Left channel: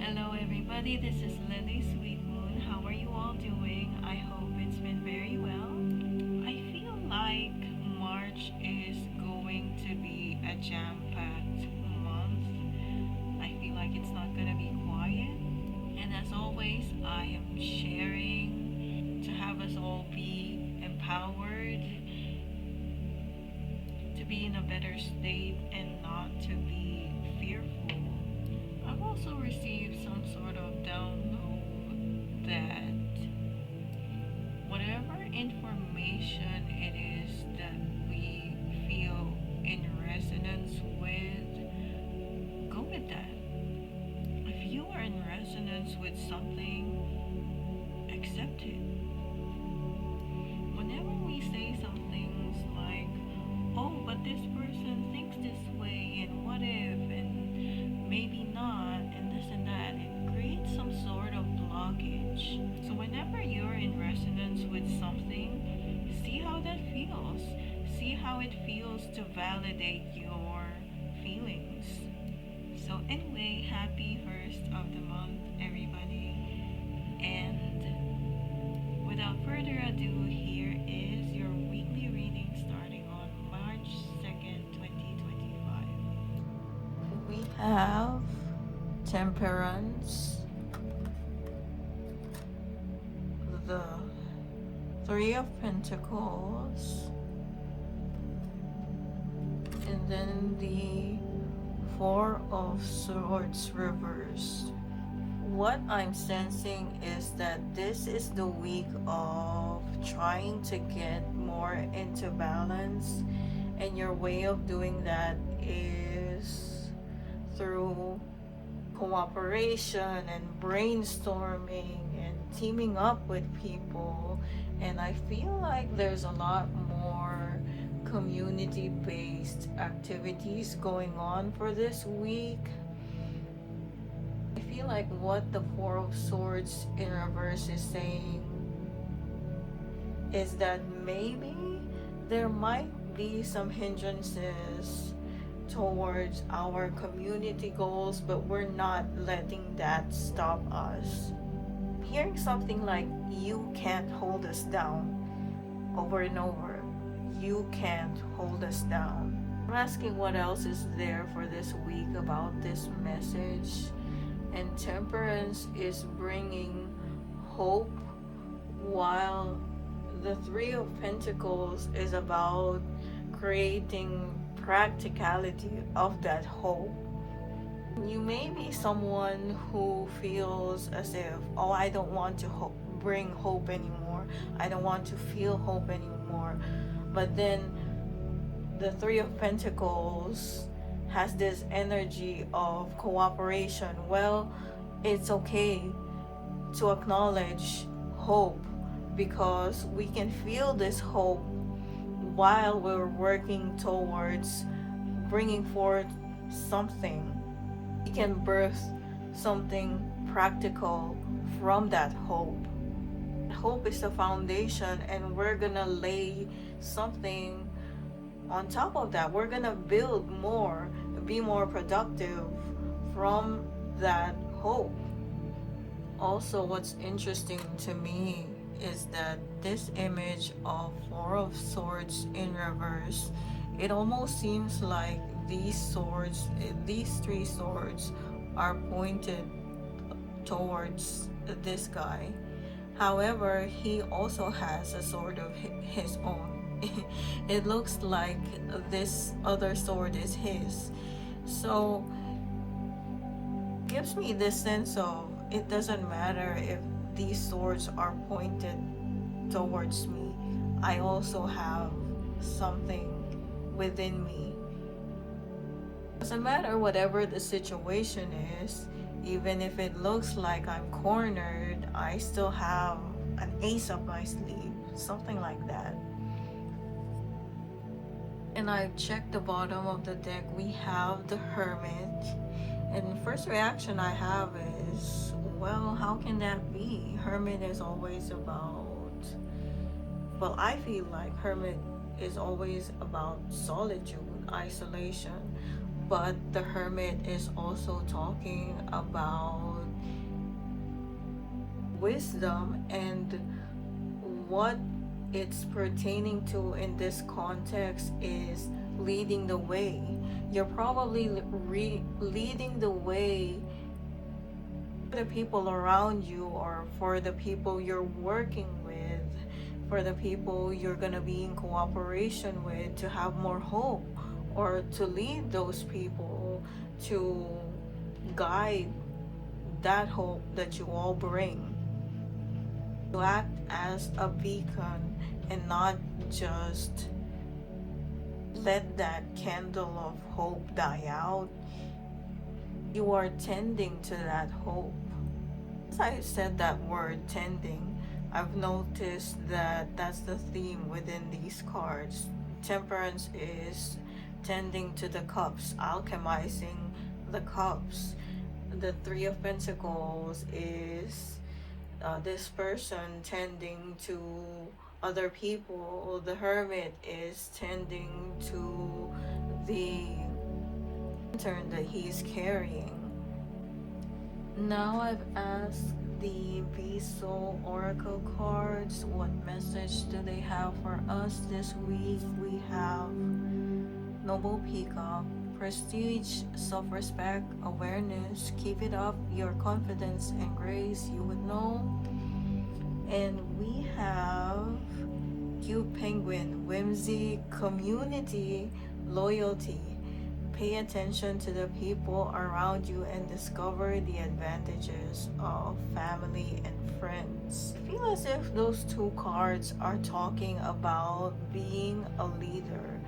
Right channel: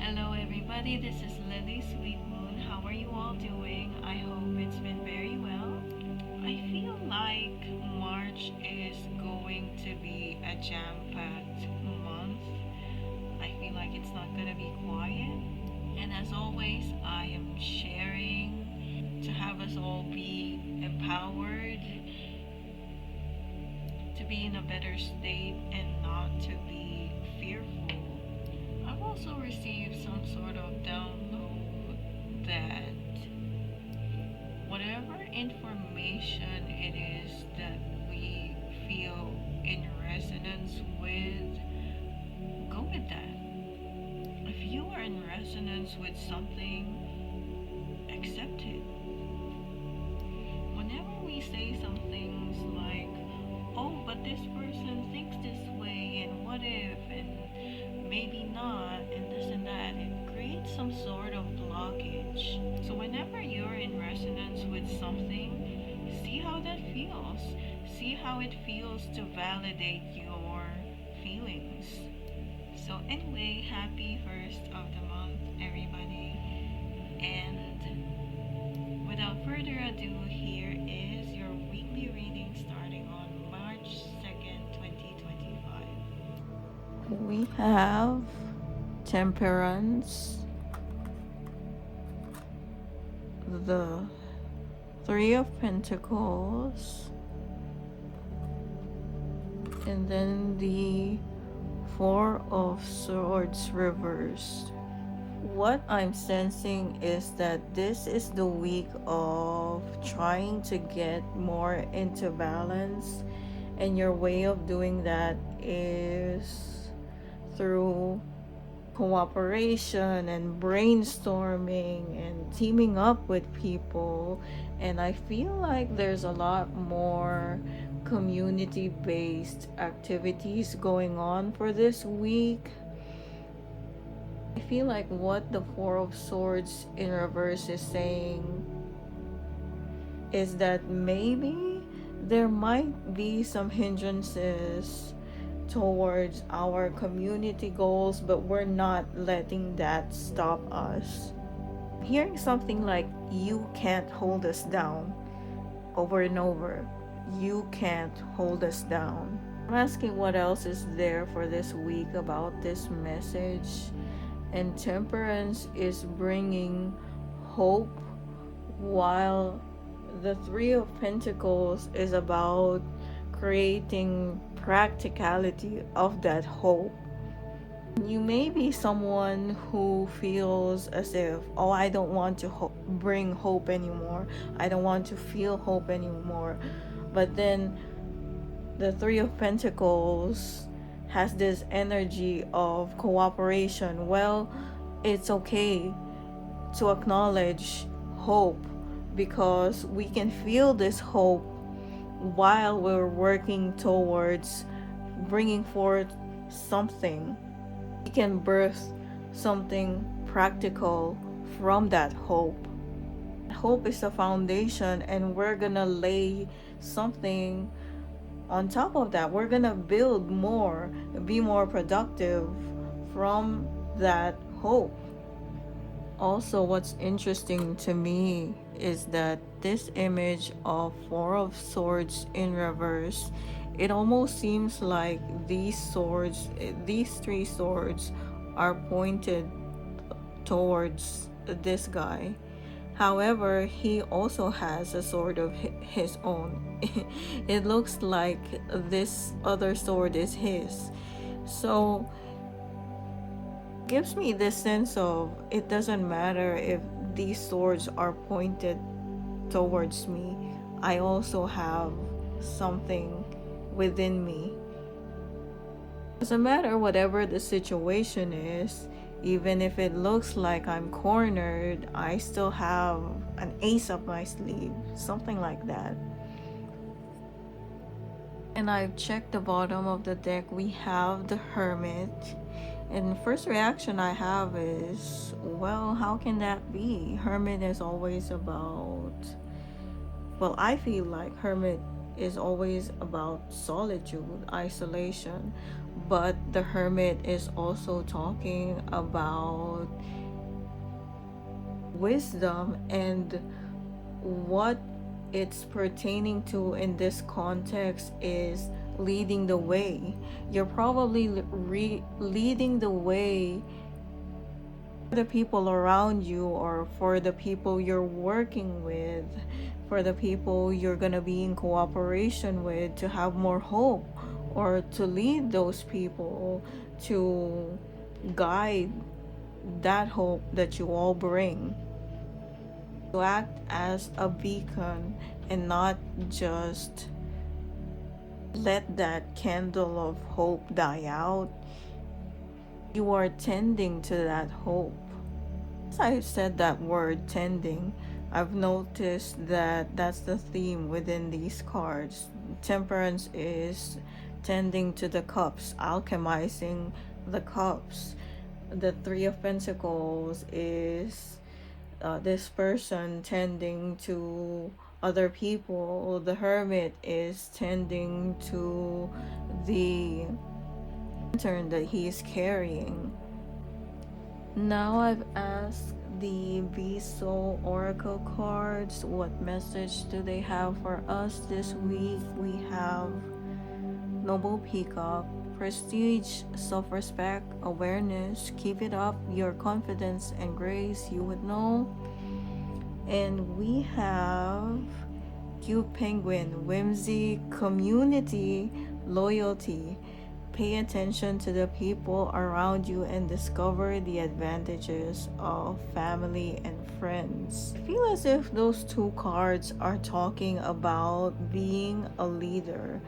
Hello, everybody. This is Lily Sweetmoon. How are you all doing? I hope it's been very well. I feel like March is going to be a jam packed month. I feel like it's not going to be quiet. And as always, I am sharing to have us all be empowered, to be in a better state, and not to be fearful. I've also received some sort of download that whatever information it is that we feel in resonance with, go with that. If you are in resonance with something, accept it. Whenever we say some things like, oh, but this person thinks this way, and what if, and maybe not, and this and that, it creates some sort of blockage. So, whenever you're in resonance with something, see how that feels. See how it feels to validate your feelings. So, anyway, happy first of the month, everybody. And without further ado, here is your weekly reading starting on March 2nd, 2025. We have Temperance, the Three of Pentacles, and then the Four of Swords reversed. What I'm sensing is that this is the week of trying to get more into balance, and your way of doing that is through cooperation and brainstorming and teaming up with people. And I feel like there's a lot more community based activities going on for this week. I feel like what the Four of Swords in reverse is saying is that maybe there might be some hindrances towards our community goals, but we're not letting that stop us. Hearing something like, you can't hold us down, over and over. You can't hold us down. I'm asking what else is there for this week about this message. And Temperance is bringing hope, while the Three of Pentacles is about creating practicality of that hope. You may be someone who feels as if, oh, I don't want to bring hope anymore. I don't want to feel hope anymore. But then the Three of Pentacles has this energy of cooperation. Well, it's okay to acknowledge hope, because we can feel this hope while we're working towards bringing forth something. We can birth something practical from that hope. Hope is the foundation, and we're gonna lay something on top of that. We're gonna build more, be more productive from that hope. Also, what's interesting to me is that this image of Four of Swords in reverse, it almost seems like these three swords are pointed towards this guy. However, he also has a sword of his own. It looks like this other sword is his. So gives me this sense of, it doesn't matter if these swords are pointed towards me, I also have something within me. Doesn't matter whatever the situation is, even if it looks like I'm cornered, I still have an ace up my sleeve, something like that. And I've checked the bottom of the deck. We have the Hermit. And the first reaction I have is, well, how can that be? Hermit is always about, well, I feel like Hermit is always about solitude, isolation. But the Hermit is also talking about wisdom, and what it's pertaining to in this context is leading the way. You're probably leading the way for the people around you, or for the people you're working with, for the people you're going to be in cooperation with, to have more hope, or to lead those people, to guide that hope that you all bring, to act as a beacon and not just let that candle of hope die out. You are tending to that hope. As I said that word, tending, I've noticed that that's the theme within these cards. Temperance is tending to the cups, alchemizing the cups. The Three of Pentacles is this person tending to other people. The Hermit is tending to the lantern that he's carrying. Now I've asked the Viso Oracle cards, what message do they have for us this week? We have Noble Peacock, prestige, self-respect, awareness, keep it up, your confidence and grace, you would know. And we have Cute Penguin, whimsy, community, loyalty. Pay attention to the people around you and discover the advantages of family and friends. I feel as if those two cards are talking about being a leader.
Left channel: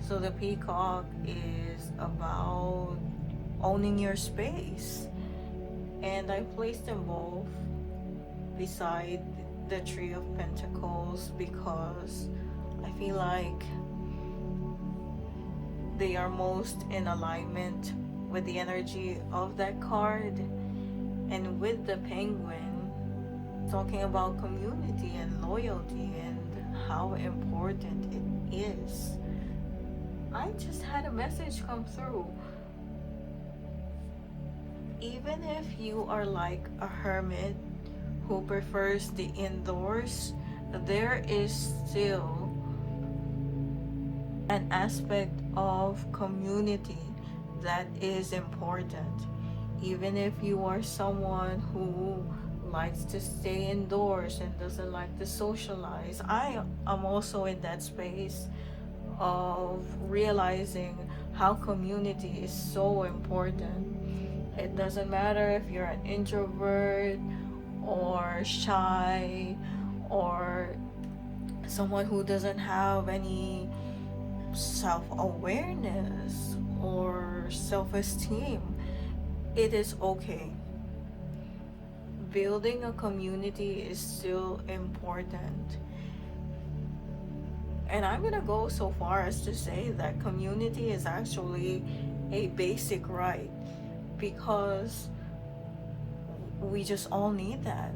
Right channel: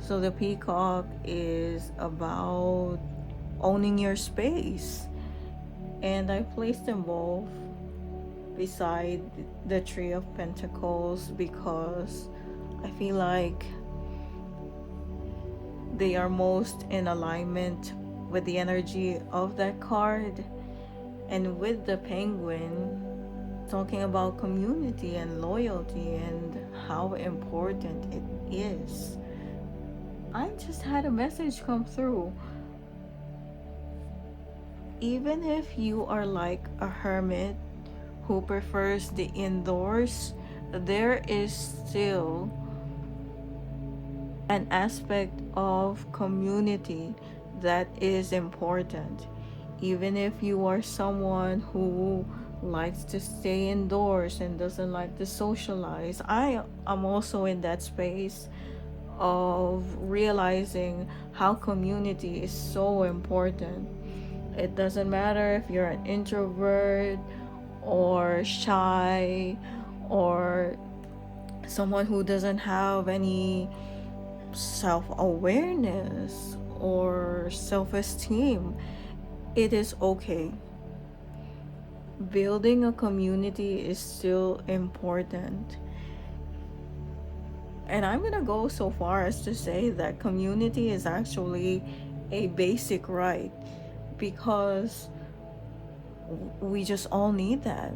So the Peacock is about owning your space. And I placed them both beside the Three of Pentacles because I feel like they are most in alignment with the energy of that card. And with the Penguin, talking about community and loyalty and how important it is. I just had a message come through. Even if you are like a hermit who prefers the indoors, there is still an aspect of community that is important. Even if you are someone who likes to stay indoors and doesn't like to socialize, I am also in that space of realizing how community is so important. It doesn't matter if you're an introvert or shy or someone who doesn't have any self-awareness or self-esteem. It is okay. Building a community is still important. And I'm gonna go so far as to say that community is actually a basic right, because we just all need that.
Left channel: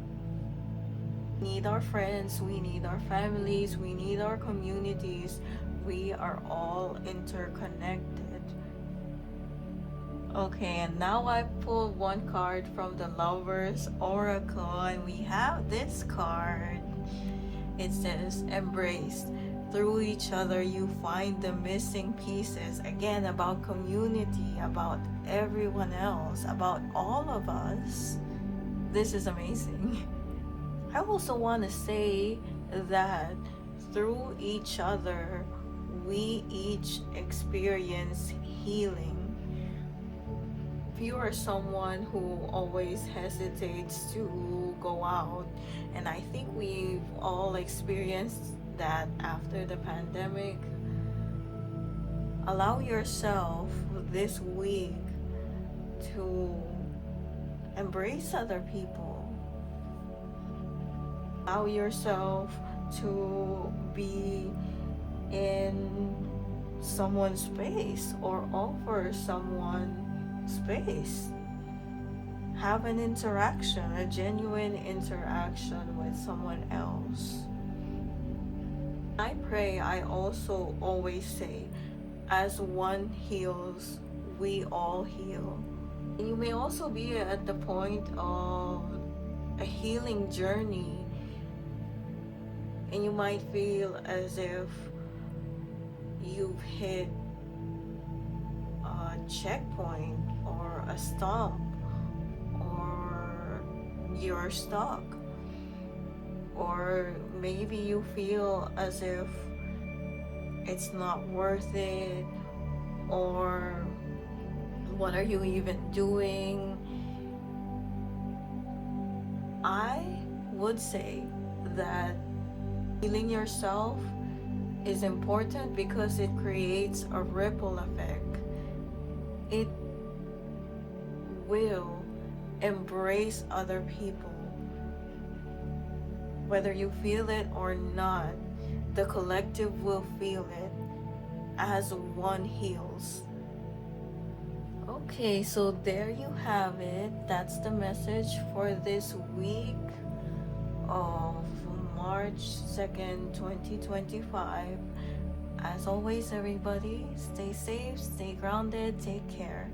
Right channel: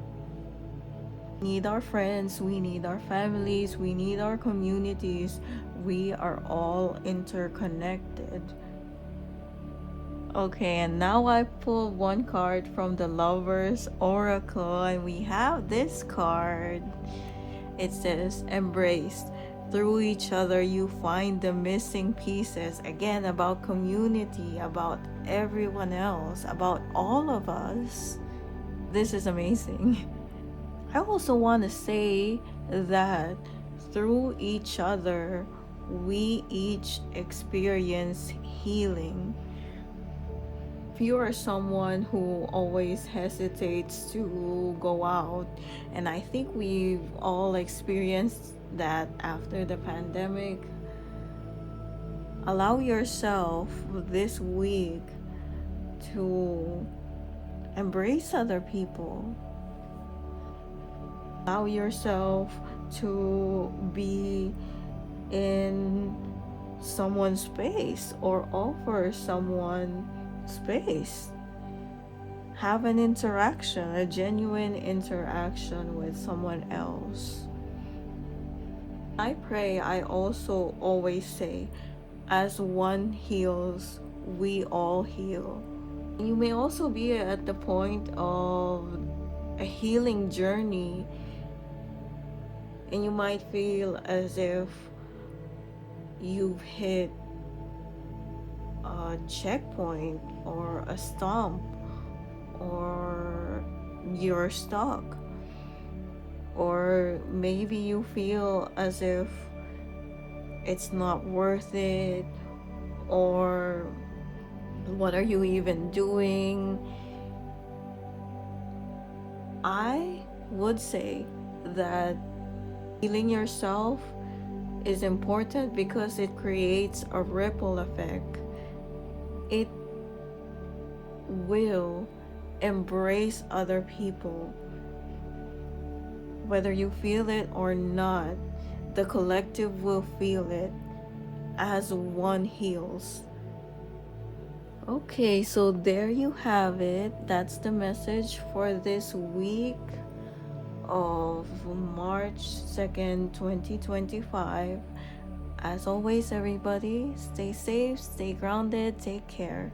We need our friends, we need our families, we need our communities. We are all interconnected. Okay, and now I pulled one card from the Lovers Oracle, and we have this card. It says, embrace. Through each other you find the missing pieces. Again, about community, about everyone else, about all of us. This is amazing. I also want to say that through each other we each experience healing. If you are someone who always hesitates to go out, and I think we've all experienced that after the pandemic, allow yourself this week to embrace other people. Allow yourself to be in someone's space or offer someone space. Have an interaction, a genuine interaction with someone else. I pray, I also always say, as one heals, we all heal. You may also be at the point of a healing journey, and you might feel as if you've hit a checkpoint or a stump, or you're stuck, or maybe you feel as if it's not worth it, or what are you even doing? I would say that healing yourself is important because it creates a ripple effect. It will embrace other people. Whether you feel it or not, the collective will feel it as one heals. Okay, so there you have it. That's the message for this week of March 2nd, 2025. As always, everybody, stay safe, stay grounded, take care.